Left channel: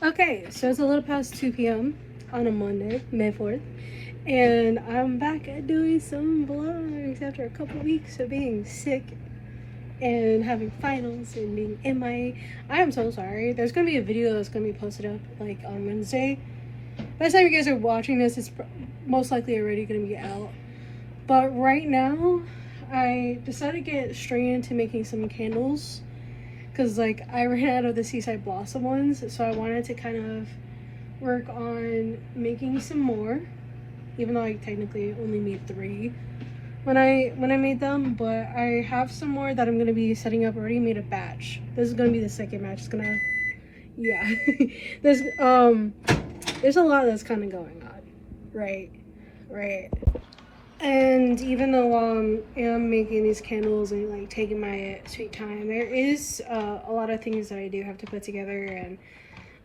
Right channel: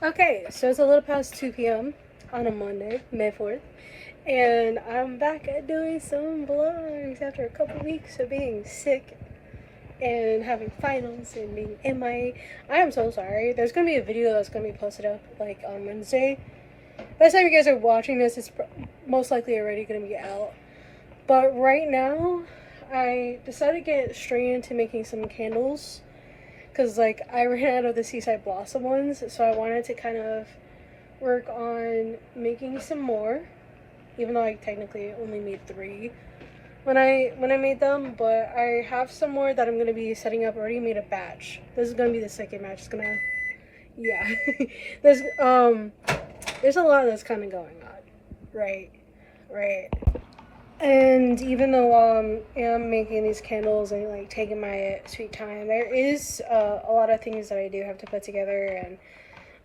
Okay, so it's a little past 2 p.m. on a Monday, May 4th, and I'm back at doing some vlogs after a couple weeks of being sick and having finals and being MIA. I am so sorry. There's gonna be a video that's gonna be posted up like on Wednesday. By the time you guys are watching this, it's most likely already gonna be out. But right now, I decided to get straight into making some candles. Because, like, I ran out of the Seaside Blossom ones, so I wanted to kind of work on making some more. Even though I technically only made 3 when I made them. But I have some more that I'm going to be setting up. I already made a batch. This is going to be the second batch. It's going to... Yeah. There's a lot that's kind of going on. Right. And even though I'm making these candles and like taking my sweet time, there is a lot of things that I do have to put together, and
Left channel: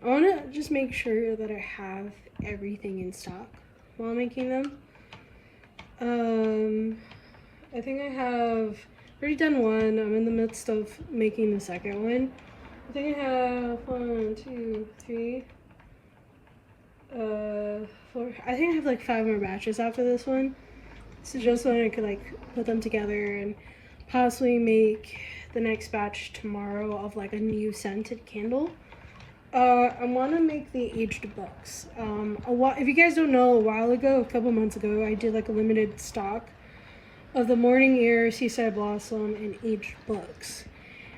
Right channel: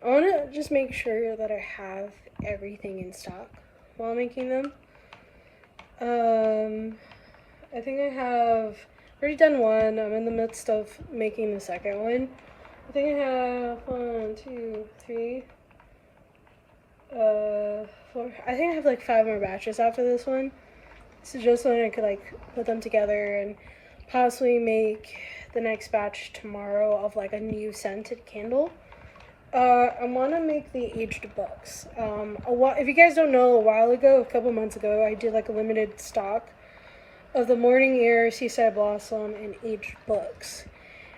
I want to just make sure that I have everything in stock while making them. I think I have already done one. I'm in the midst of making the second one. I think I have 1, 2, 3, 4. I think I have like 5 more batches after this one. So just so I could like put them together and possibly make the next batch tomorrow of like a new scented candle. I want to make the aged books. If you guys don't know, a couple months ago, I did like a limited stock of the Morning Air, Seaside Blossom, and aged books.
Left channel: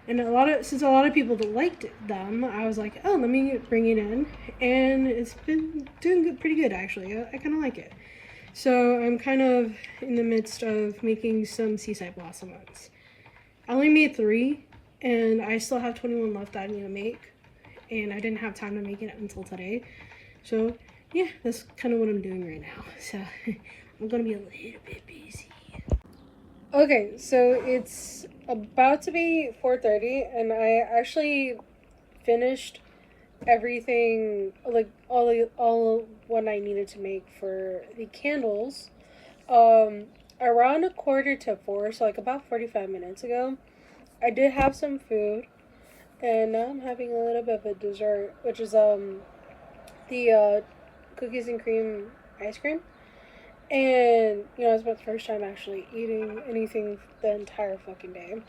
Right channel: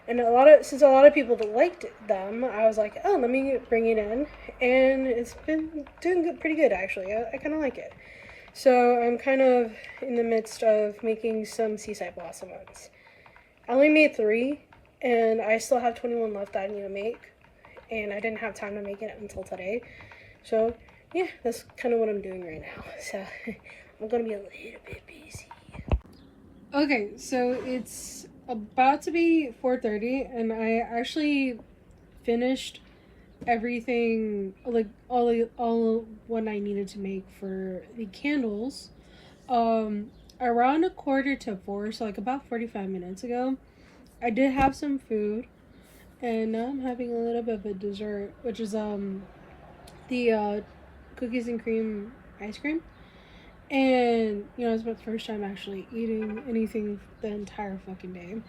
And since a lot of people liked them, I was like, oh, let me bring it in, and it's been doing pretty good actually. I kind of like it. So I'm kind of in the midst of making some Seaside Blossom ones. I only made 3, and I still have 21 left that I need to make, and I didn't have time to make it until today. So yeah, that's kind of what I'm doing right now. So I'm gonna be a little bit busy. Okay, so it's about to be 4:30, and I actually finished everything, like all what I needed to make for the candles around 3:45, so like about 45 minutes ago. I did have some food, and now I'm having a little bit of a dessert, which is the cookies and cream ice cream. And it's my first time actually eating anything the entire fucking day.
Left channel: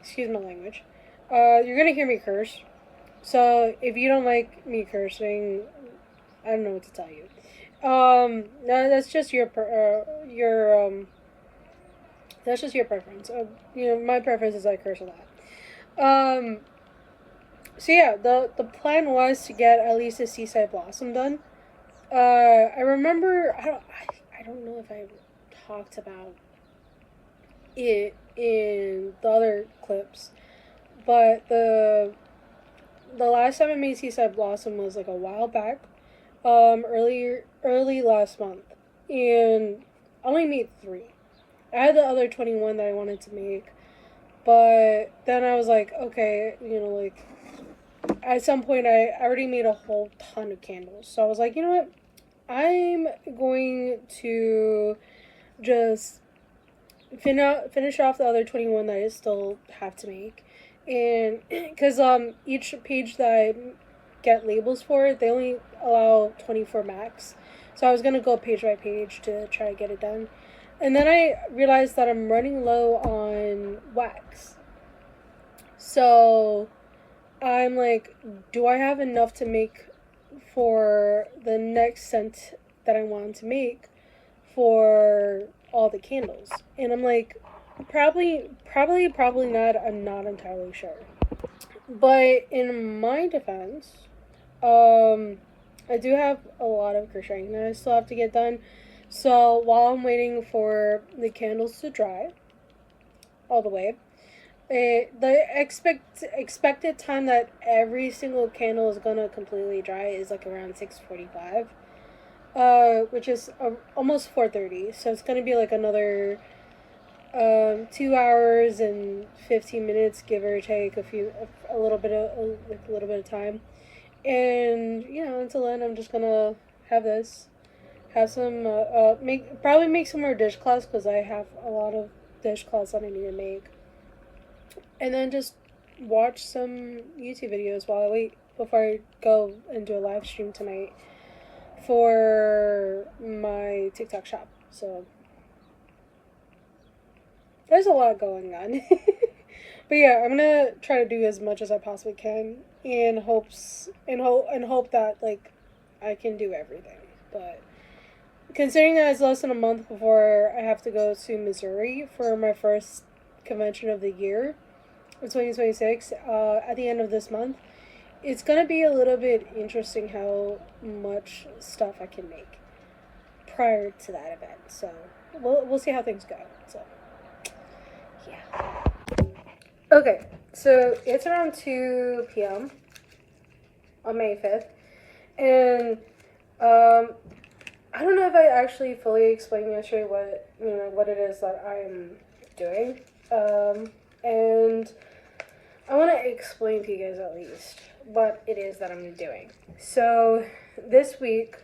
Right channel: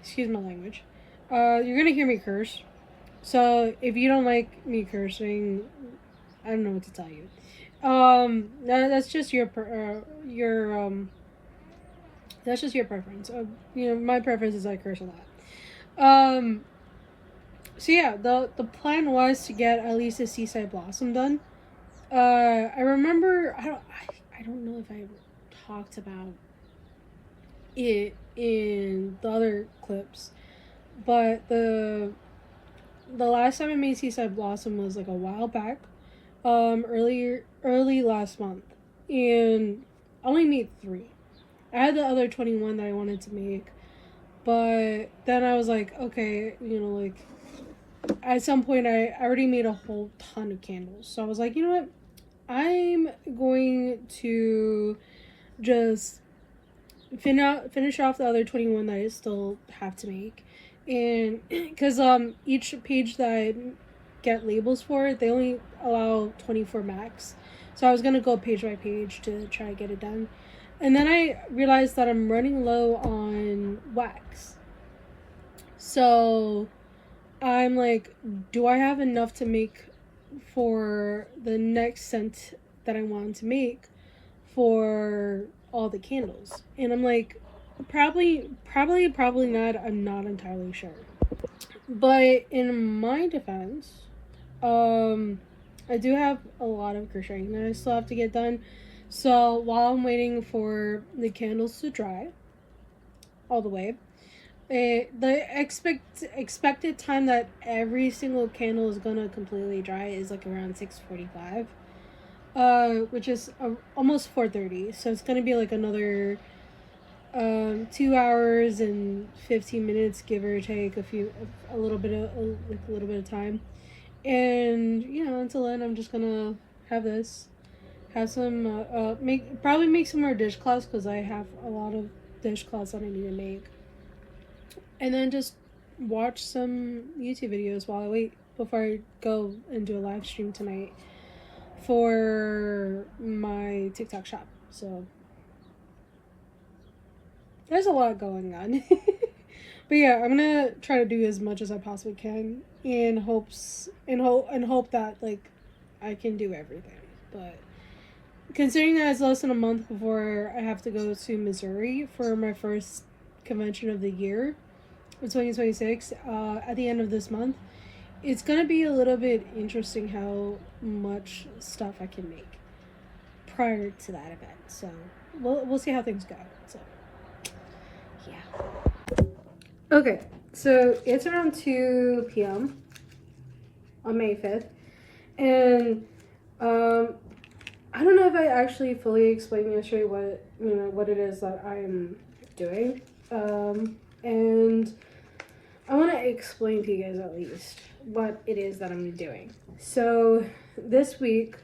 Excuse my language. You're gonna hear me curse, so if you don't like me cursing, I don't know what to tell you. That's just your that's just your preference. My preference is I curse a lot. So yeah, the plan was to get at least a Seaside Blossom done. I remember I don't know if I talked about it in the other clips, but the last time I made Seaside Blossom was like a while back, early last month, and I only made 3. I had the other 21 that I wanted to make, but then I was like, okay, like at some point I already made a whole ton of candles, so I was like, you know what, I'm going to just finish off the other 21 that I still have to make. And because each page that I get labels for, they only allow 24 max, so I was gonna go page by page to try to get it done. And then I realized that I'm running low on wax, so I'm like, do I have enough to make for the next scent that I want to make for all the candles? And I'm like, probably not. I'm not entirely sure. But in my defense, I do have a lot of crocheting that I still have to get done. So while I'm waiting for the candles to dry all the way, the expected time that every single candle is gonna completely dry is like around 6:45, which is almost 4:30. So it's gonna be like another 2 hours and 15 minutes, give or take a little bit of time. And until then, I'm just gonna have some make some more dishcloths, because I have a lot of dishcloths that I need to make, and then just watch some YouTube videos while I wait. before I go and do a live stream tonight for my TikTok shop. So there's a lot going on. But yeah, I'm gonna try to do as much as I possibly can in hope that like I can do everything. But considering that it's less than a month before I have to go to Missouri for my first convention of the year of 2026, at the end of this month, it's gonna be a little bit interesting how much stuff I can make prior to that event. So we'll see how things go. So yeah. Okay, so it's around 2 p.m. on May 5th, and I don't know if I actually fully explained yesterday what it is that I'm doing, and I want to explain to you guys at least what it is that I'm doing. So this week,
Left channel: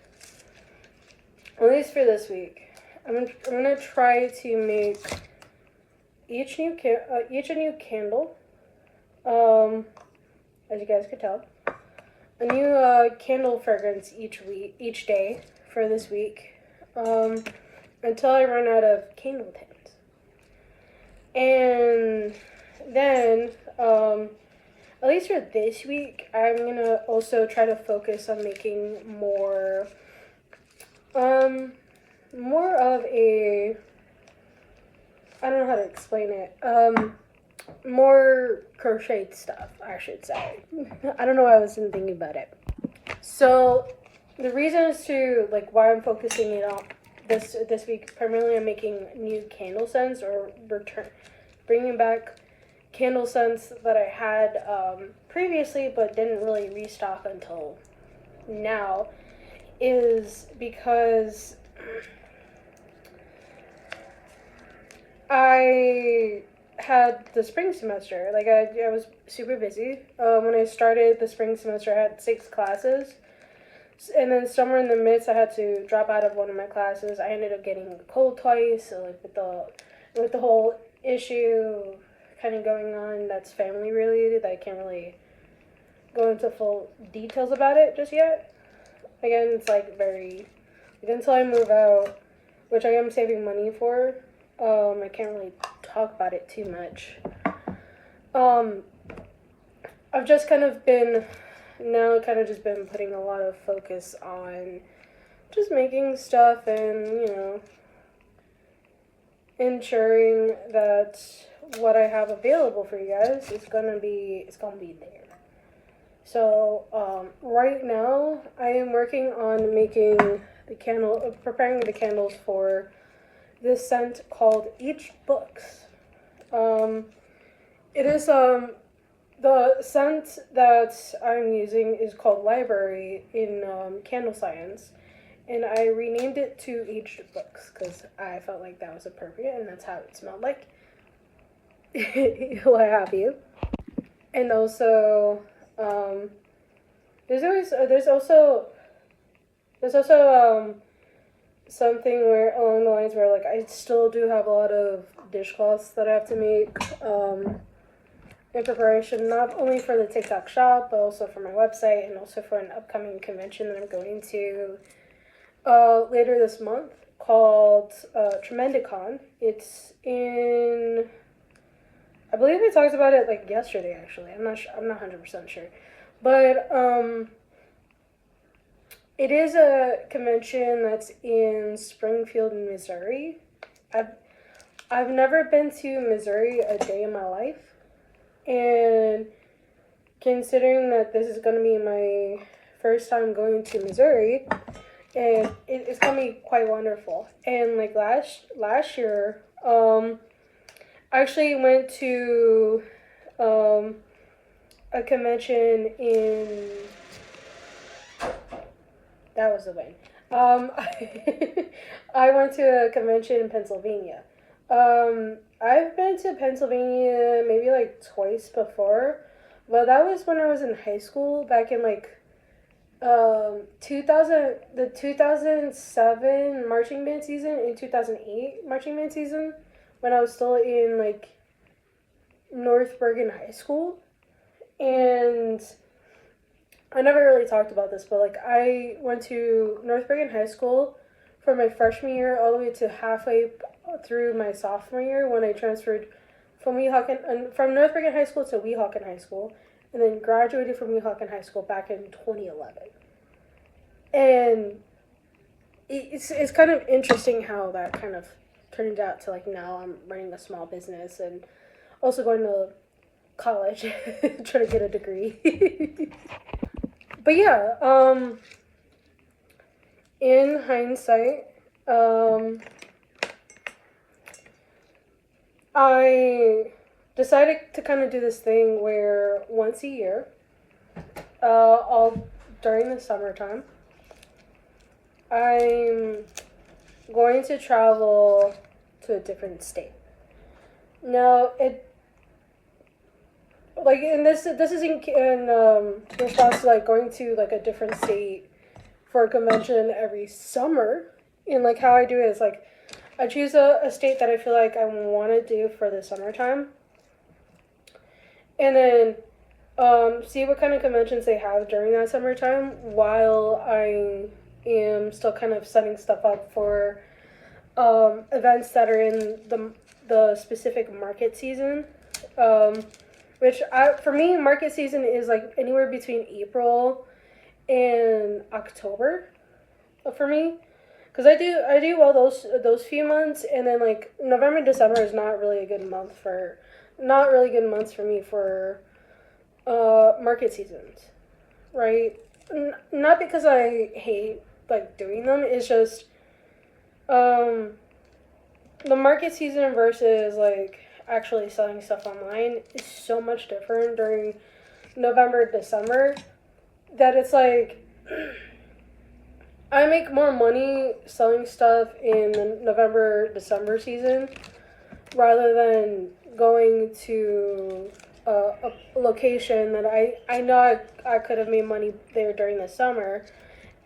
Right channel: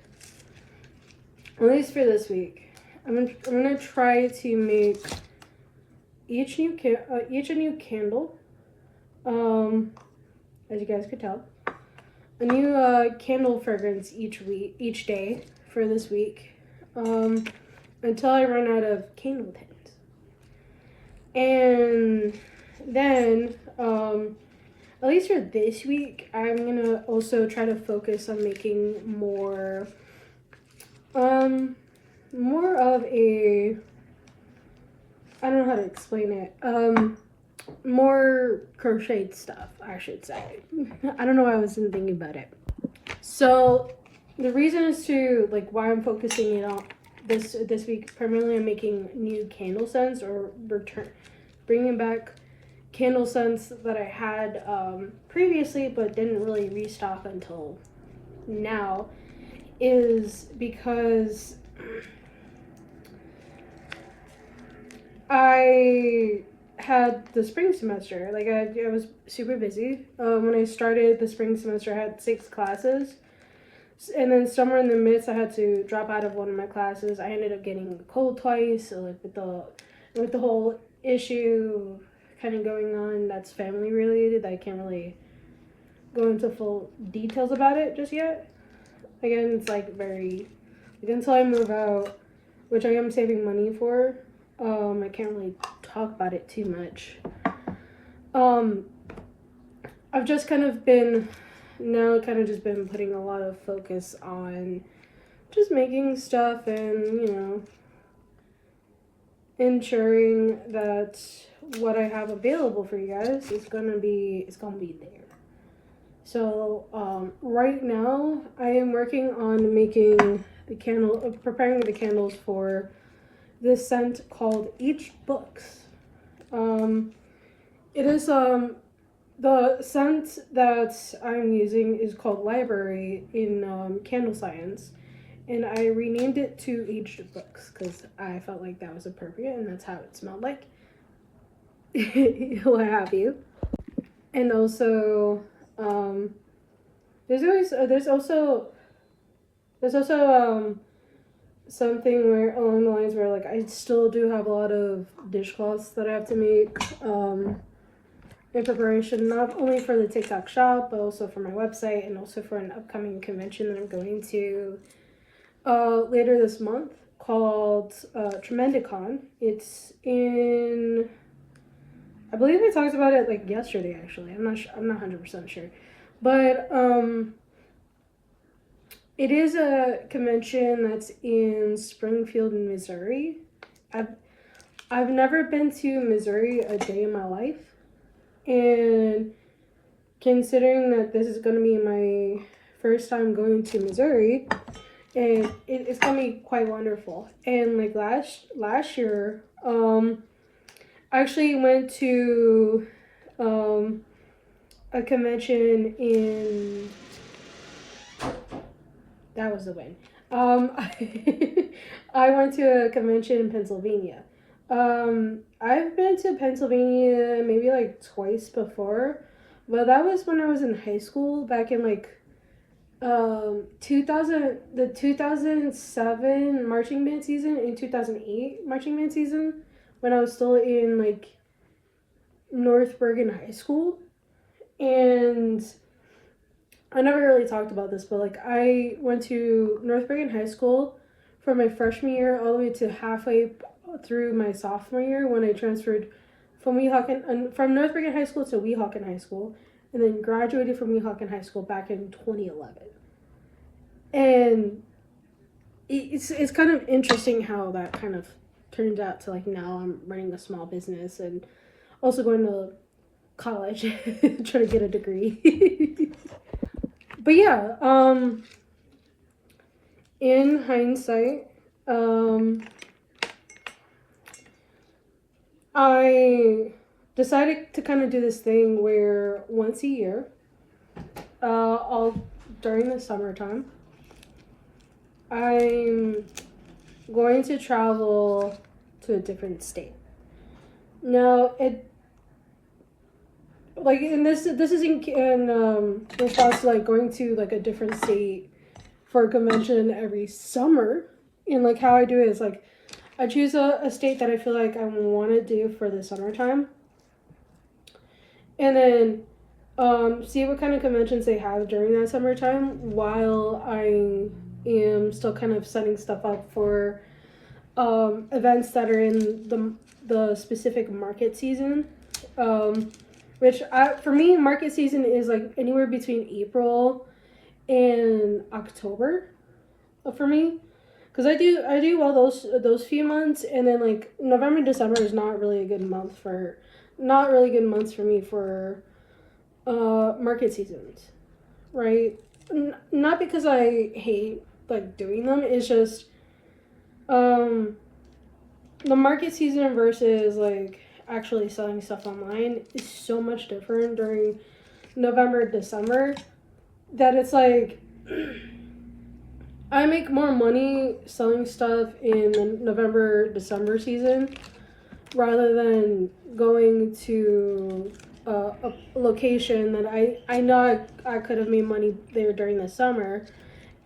at least for this week, I'm gonna try to make each a new candle. As you guys could tell, a new candle fragrance each day for this week, until I run out of candle tins. And then, at least for this week, I'm gonna also try to focus on making more of a, I don't know how to explain it, more crocheted stuff, I should say. I don't know why I wasn't thinking about it. So the reason as to like why I'm focusing it on this week primarily on making new candle scents, or bringing back candle scents that I had previously but didn't really restock until now, is because I had the spring semester. Like I was super busy. When I started the spring semester, I had 6 classes, and then somewhere in the midst, I had to drop out of one of my classes. I ended up getting a cold twice. So like with the whole issue kind of going on that's family related, I can't really go into full details about it just yet. Again, it's like until I move out, which I am saving money for. I can't really talk about it too much. I've just kind of been putting a lot of focus on just making stuff and, ensuring that what I have available for you guys is gonna be there. So, right now I am working on preparing the candles for this scent called Each Books. It is the scent that I'm using is called Library in Candle Science, and I renamed it to Aged Books because I felt like that was appropriate and that's how it smelled like. What have you. And also, there's also something where along the lines where like I still do have a lot of dishcloths that I have to make in preparation, not only for the TikTok shop but also for my website and also for an upcoming convention that I'm going to later this month called Tremendicon. It's in, I believe I talked about it like yesterday actually. I'm not 100% sure, but it is a convention that's in Springfield, Missouri. I've never been to Missouri a day in my life, and considering that this is going to be my first time going to Missouri, and it's going to be quite wonderful. And like last year, I actually went to a convention in, that was the win. I went to a convention in Pennsylvania. I've been to Pennsylvania maybe like twice before, but that was when I was in high school back in like 2007 marching band season and 2008 marching band season, when I was still in like North Bergen High School. And I never really talked about this, but like I went to North Bergen High School from my freshman year all the way to halfway through my sophomore year when I transferred from Weehawken from North Bergen High School to Weehawken High School, and then graduated from Weehawken High School back in 2011. And it's kind of interesting how that kind of turned out to like now I'm running a small business and also going to college trying to get a degree. But yeah, in hindsight, I decided to kind of do this thing where once a year, all during the summertime, I'm going to travel to a different state. Now, this is in response to like going to like a different state for a convention every summer. And like how I do it is like I choose a state that I feel like I want to do for the summertime, and then see what kind of conventions they have during that summertime while I am still kind of setting stuff up for events that are in the specific market season. For me, market season is like anywhere between April and October for me. Because I do well those few months, and then like November, December is not really good months for me for market seasons, right? Not because I hate like doing them. It's just the market season versus like actually selling stuff online is so much different during November, December that it's like I make more money selling stuff in the November, December season rather than going to a location that I know I could have made money there during the summer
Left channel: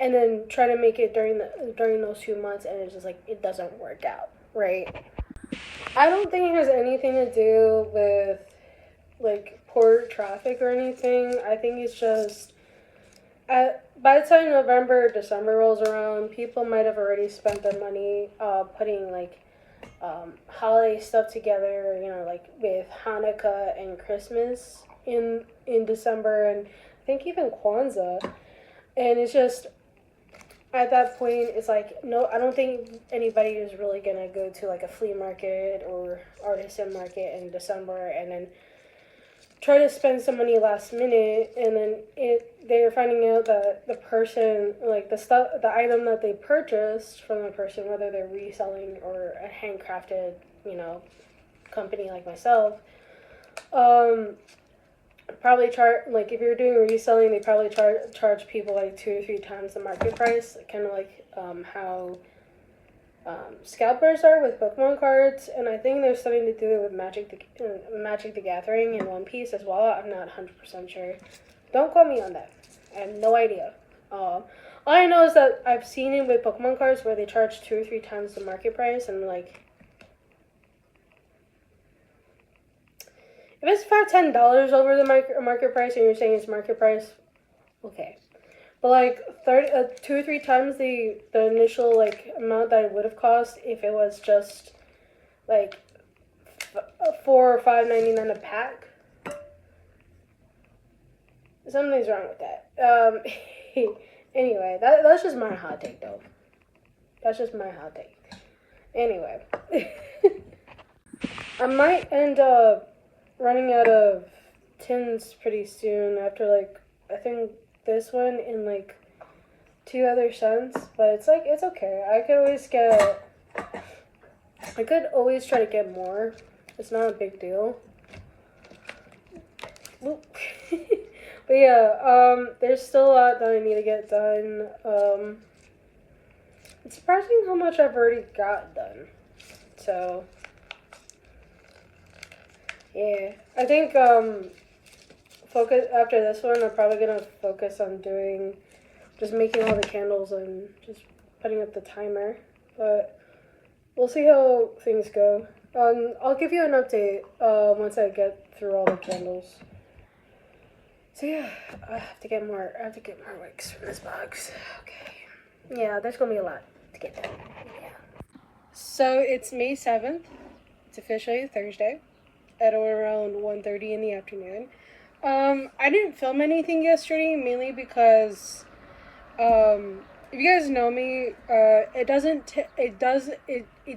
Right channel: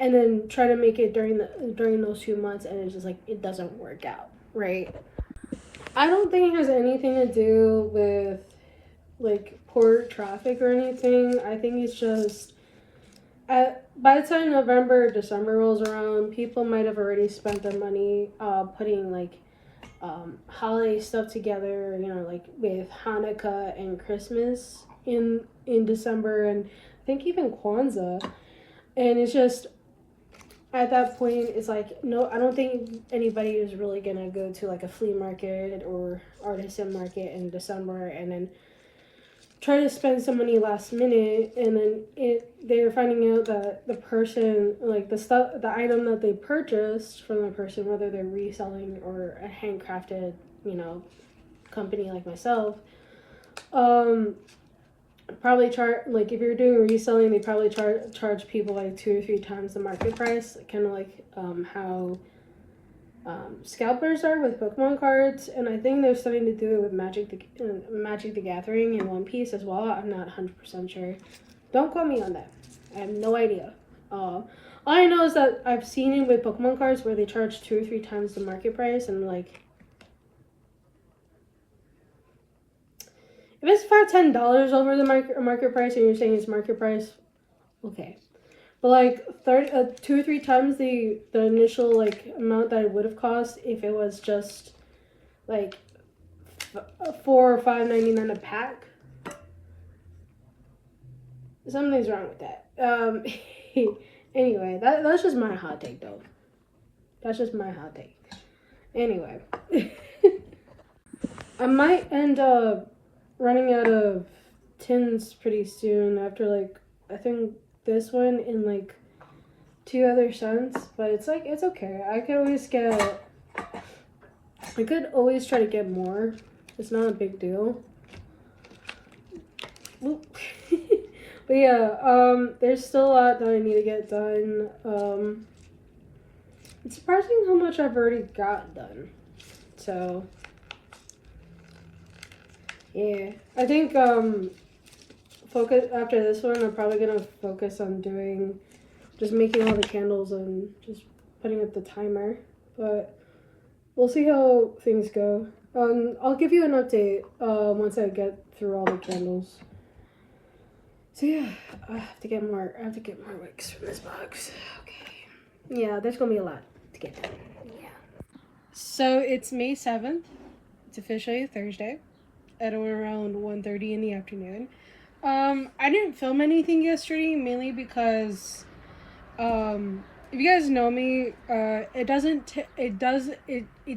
and then try to make it during those 2 months, and it's just like it doesn't work out, right? I don't think it has anything to do with like poor traffic or anything. I think it's just by the time November, December rolls around, people might have already spent their money putting like holiday stuff together, like with Hanukkah and Christmas in December, and I think even Kwanzaa. And it's just at that point, it's like, no, I don't think anybody is really gonna go to like a flea market or artisan market in December and then try to spend some money last minute, and then they're finding out that the person, like the item that they purchased from the person, whether they're reselling or a handcrafted, company like myself, probably charge, like if you're doing reselling, they probably charge people like 2 or 3 times the market price, kind of like how scalpers are with Pokemon cards, and I think they're starting to do it with Magic the Gathering and One Piece as well. I'm not 100% sure. Don't quote me on that. I have no idea. All I know is that I've seen it with Pokemon cards where they charge 2 or 3 times the market price, and like if it's $5-10 over the market price and you're saying it's market price, okay. But like 2 or 3 times the initial like amount that it would have cost if it was just like $4 or $5.99 a pack. Something's wrong with that. Anyway, that's just my hot take though. That's just my hot take. Anyway, I might end up running out of tins pretty soon after like I think this one in like 2 other scents, but it's like it's okay. I could always try to get more. It's not a big deal. But yeah, there's still a lot that I need to get done. It's surprising how much I've already got done. So yeah, I think focus after this one. I'm probably gonna focus on just making all the candles and just putting up the timer. But we'll see how things go. I'll give you an update once I get through all the candles. So yeah, I have to get more wicks from this box. Okay. Yeah, there's gonna be a lot to get done. Yeah. So it's May 7th. It's officially Thursday at around 1:30 in the afternoon. I didn't film anything yesterday mainly because if you guys know me, it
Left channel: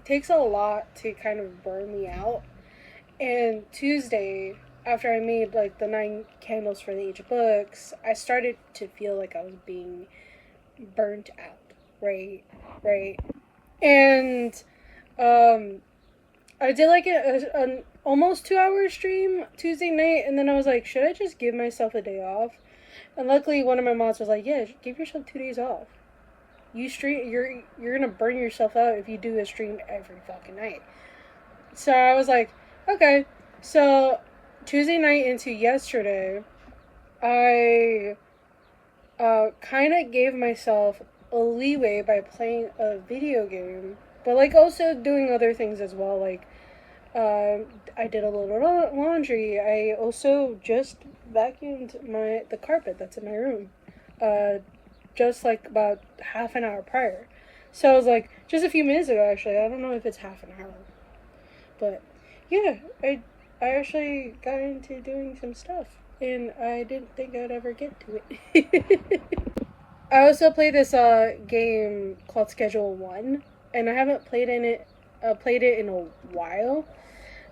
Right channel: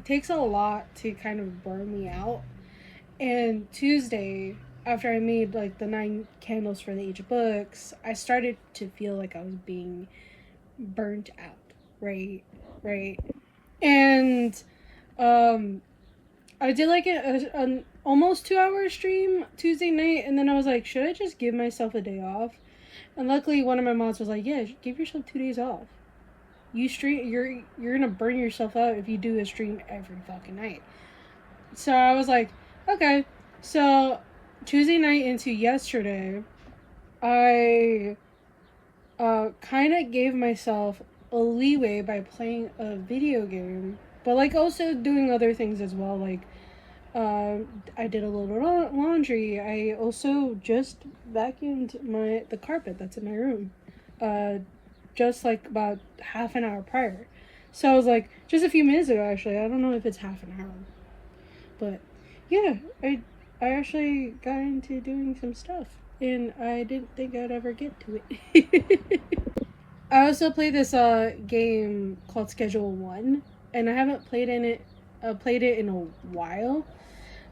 takes a lot to kind of burn me out. And Tuesday, after I made like the 9 candles for the each books, I started to feel like I was being burnt out. Right, right. And um, I did like an almost 2 hour stream Tuesday night, and then I was like, should I just give myself a day off? And luckily, one of my moms was like, yeah, give yourself 2 days off. You're gonna burn yourself out if you do a stream every fucking night. So I was like, okay. So Tuesday night into yesterday, I kind of gave myself a leeway by playing a video game, but like also doing other things as well. Like I did a little laundry. I also just vacuumed the carpet that's in my room. Just like about half an hour prior. So I was like, just a few minutes ago actually. I don't know if it's half an hour. But yeah, I actually got into doing some stuff, and I didn't think I'd ever get to it. I also play this game called Schedule One, and I haven't played it in a while.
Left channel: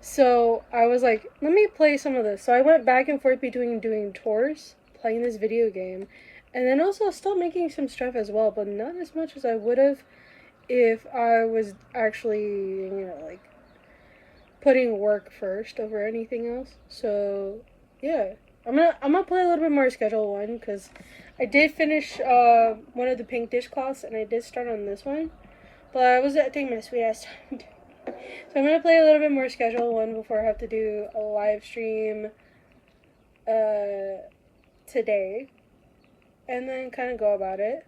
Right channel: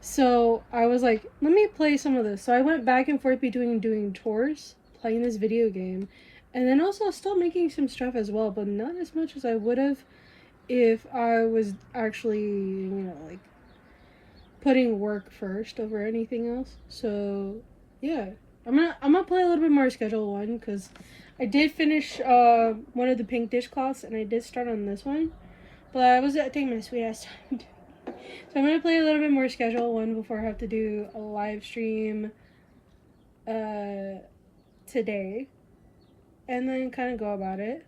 So I was like, let me play some of this. So I went back and forth between doing chores, playing this video game, and then also still making some stuff as well, but not as much as I would have if I was actually, like putting work first over anything else. So yeah, I'm gonna play a little bit more Schedule One because I did finish one of the pink dishcloths and I did start on this one, but I was taking my sweet ass time. So I'm gonna play a little bit more Schedule One before I have to do a live stream today, and then kind of go about it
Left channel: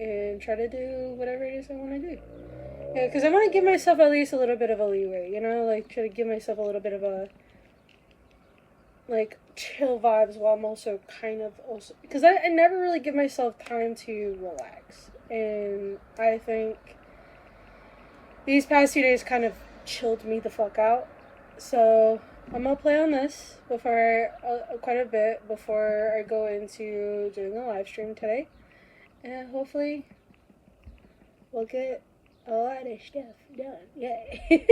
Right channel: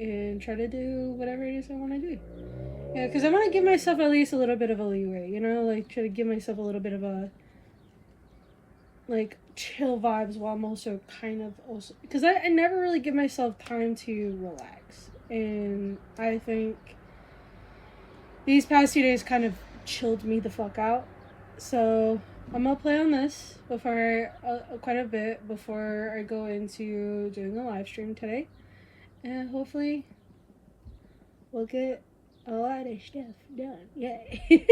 and try to do whatever it is I want to do. Yeah, because I want to give myself at least a little bit of a leeway, like try to give myself a little bit of a like chill vibes while I'm also kind of also because I never really give myself time to relax, and I think these past 2 days kind of chilled me the fuck out. So I'm gonna play on this before quite a bit before I go into doing a live stream today, and hopefully we'll get a lot of stuff done. Yay!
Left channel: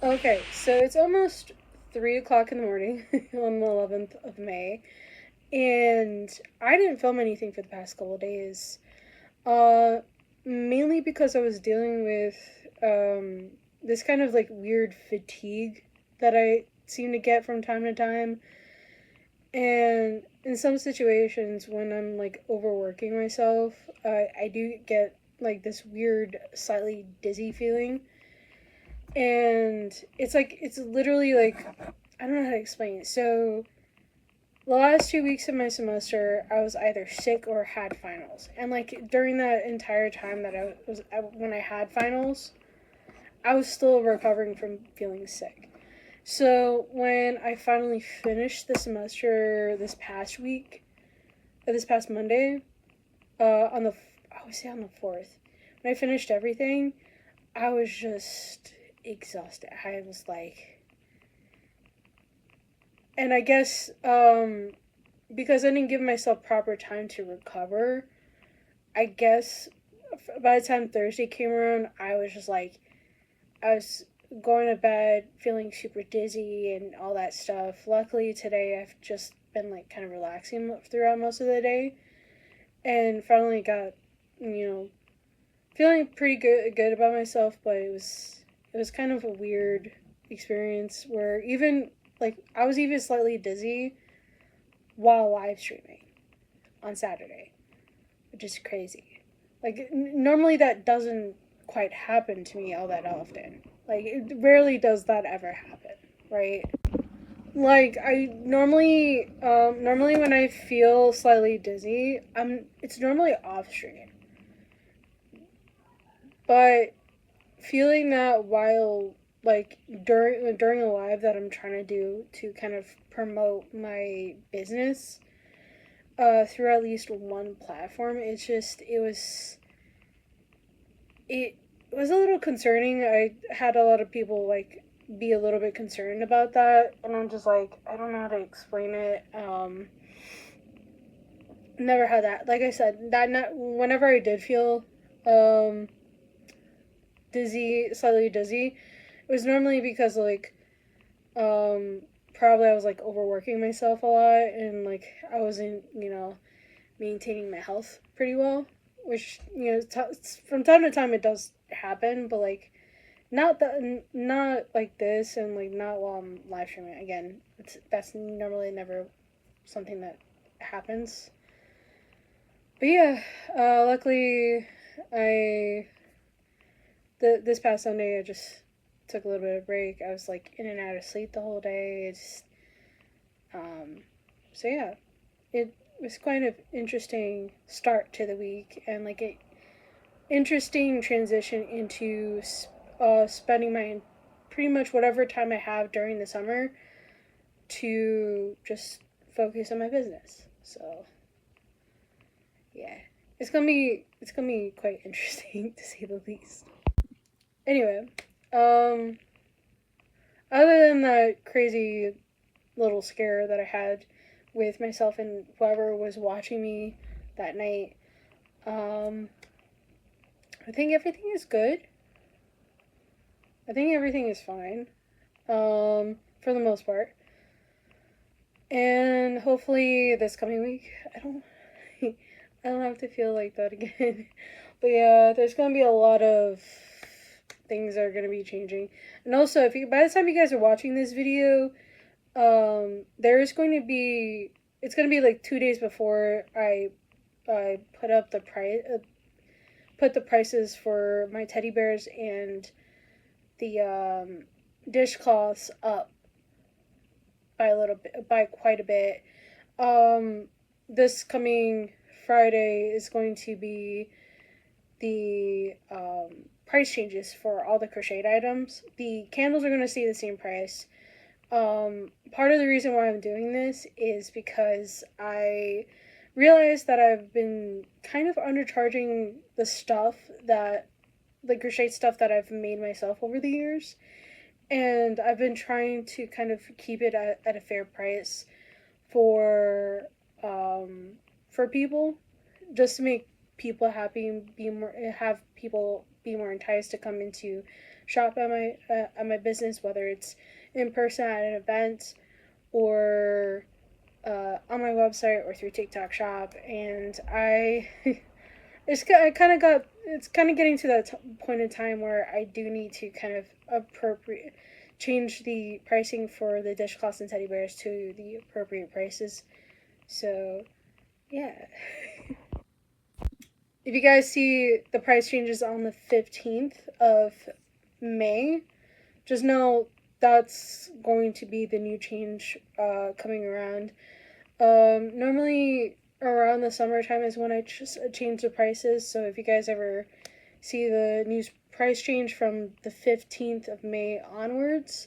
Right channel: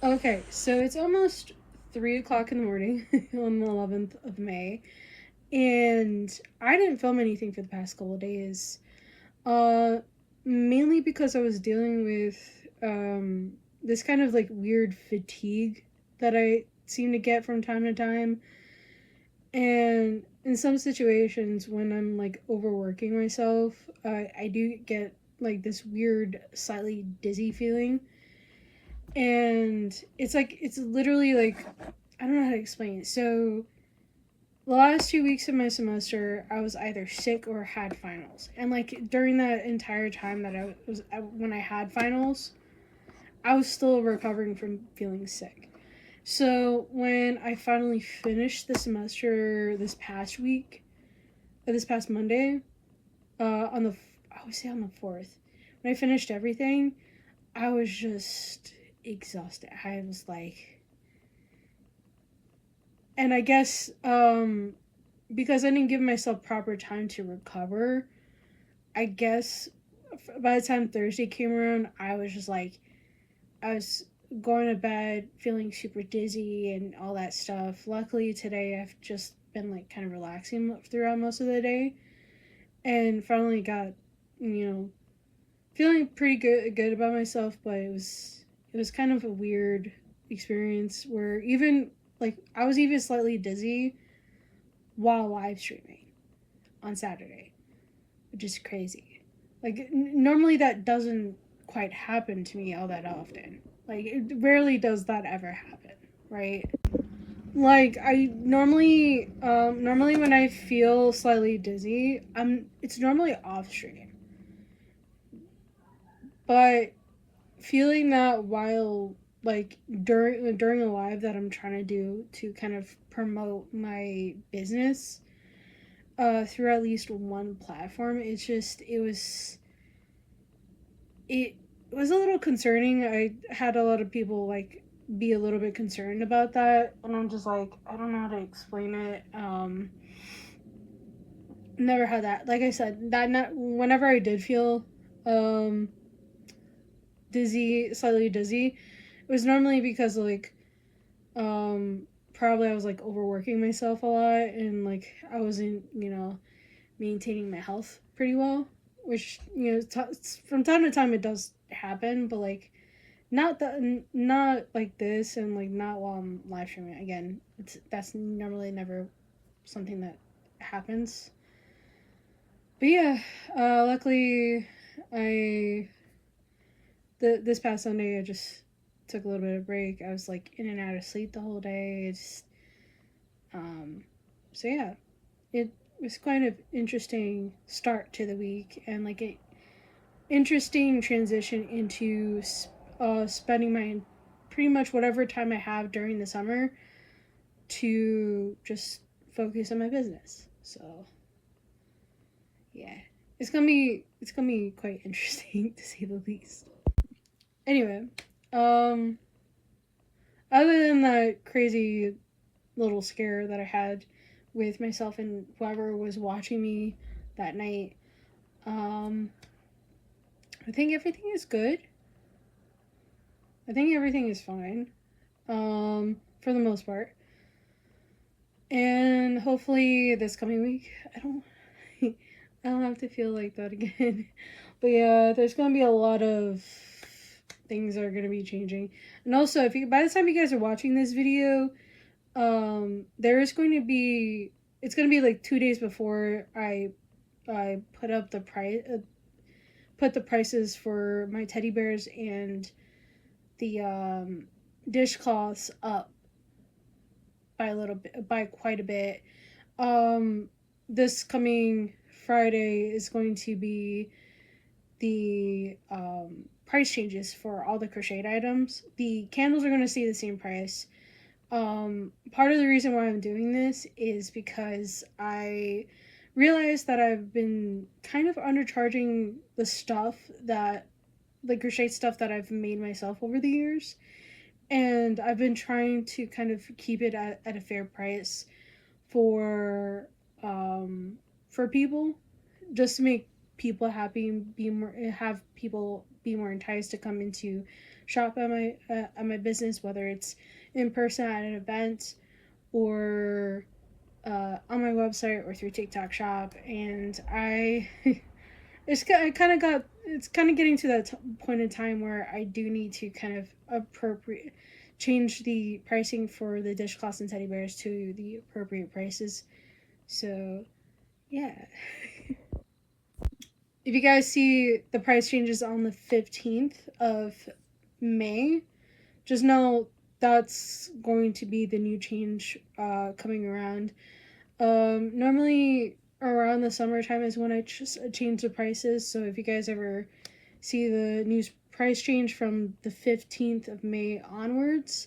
Okay, so it's almost 3 o'clock in the morning on the 11th of May, and I didn't film anything for the past couple of days. Mainly because I was dealing with this kind of like weird fatigue that I seem to get from time to time. And in some situations when I'm like overworking myself, I do get like this weird, slightly dizzy feeling. And it's literally like, I don't know how to explain it. So the last 2 weeks of my semester, I was either sick or had finals. And like during that entire time that when I had finals, I was still recovering from feeling sick. So when I finally finished the semester this past Monday, I would say on the 4th, when I finished everything, I was just exhausted. I was like, and I guess because I didn't give myself proper time to recover, I guess by the time Thursday came around, I was just like, I was going to bed feeling super dizzy and all that stuff. Luckily today I've just been like kind of relaxing throughout most of the day, and finally got, feeling pretty good about myself. But it was kind of a weird experience where even like I was even slightly dizzy while live streaming on Saturday, which is crazy. Like normally that doesn't quite happen to me all that often. Like it rarely does that ever happen, right? Like I normally when I feel slightly dizzy, it's normally off stream. But feeling that while like during a live that I'm trying to do to kind of promote my business through at least one platform. It was a little concerning. I had a lot of people like be a little bit concerned about that, and I'm just like, I don't know how to explain it. Never had that. Like I said, that not whenever I did feel slightly dizzy, it was normally because like probably I was like overworking myself a lot, and like I wasn't, maintaining my health pretty well, which, from time to time it does happen, but like not like this, and like not while I'm live streaming. Again, that's normally never something that happens. But yeah, luckily I this past Sunday I just took a little bit of break. I was like in and out of sleep the whole day. So yeah, it was kind of interesting start to the week, and like a interesting transition into spending my pretty much whatever time I have during the summer to just focus on my business. So yeah, it's gonna be quite interesting to say the least. Anyway, other than that crazy little scare that I had with myself and whoever was watching me that night, I think everything is good. I think everything is fine, for the most part. And hopefully this coming week, I don't have to feel like that again. But yeah, there's gonna be a lot of things that are gonna be changing. And also, if you by the time you guys are watching this video, there's going to be it's gonna be like 2 days before I put up the prices for my teddy bears and the dishcloths up by quite a bit. This coming Friday is going to be the price changes for all the crocheted items. The candles are going to stay the same price. Part of the reason why I'm doing this is because I realized that I've been kind of undercharging the crochet stuff that I've made myself over the years. And I've been trying to kind of keep it at a fair price for people, just to make people happy and have people be more enticed to come into shop at my business, whether it's in person at an event or on my website or through TikTok Shop. And it's kind of getting to that point in time where I do need to kind of change the pricing for the dishcloths and teddy bears to the appropriate prices. So yeah. If you guys see the price changes on the 15th of May, just know that's going to be the new change coming around. Normally around the summertime is when I just change the prices. So if you guys ever see the new price change from the 15th of May onwards,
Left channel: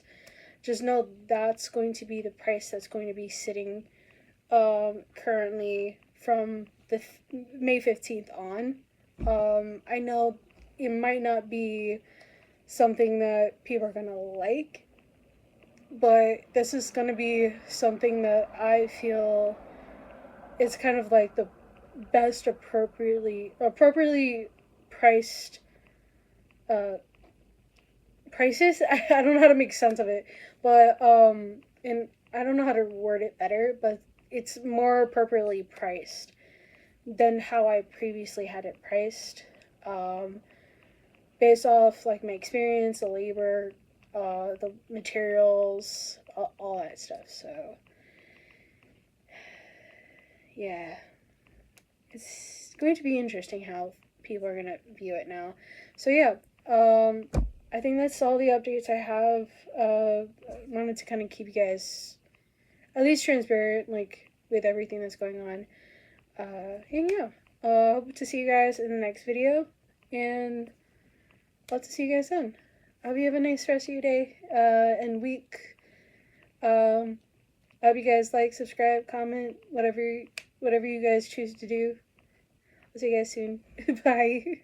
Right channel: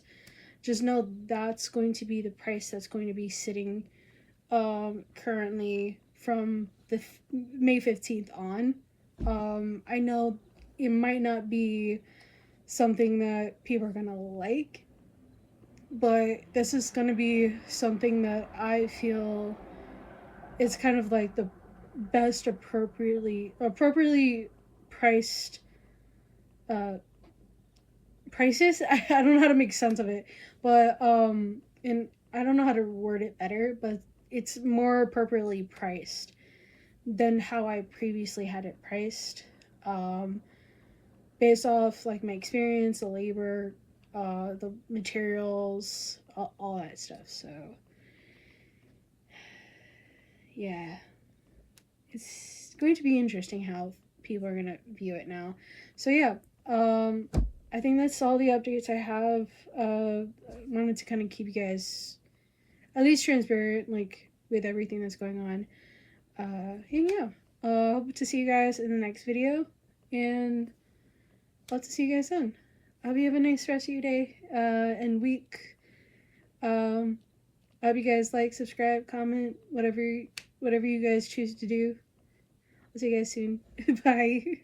just know that's going to be the price that's going to be sitting currently from the May 15th on. I know it might not be something that people are gonna like, but this is gonna be something that I feel is kind of like the best appropriately priced prices. I don't know how to make sense of it, but and I don't know how to word it better, but it's more appropriately priced than how I previously had it priced, based off like my experience, the labor, the materials, all that stuff. So yeah, it's going to be interesting how people are gonna view it now. So yeah, I think that's all the updates I have. Wanted to kind of keep you guys at least transparent, like with everything that's going on. And yeah, hope to see you guys in the next video, and love to see you guys then. I hope you have a nice rest of your day and week. I hope you guys like, subscribe, comment, whatever you guys choose to do. I'll see you guys soon. Bye.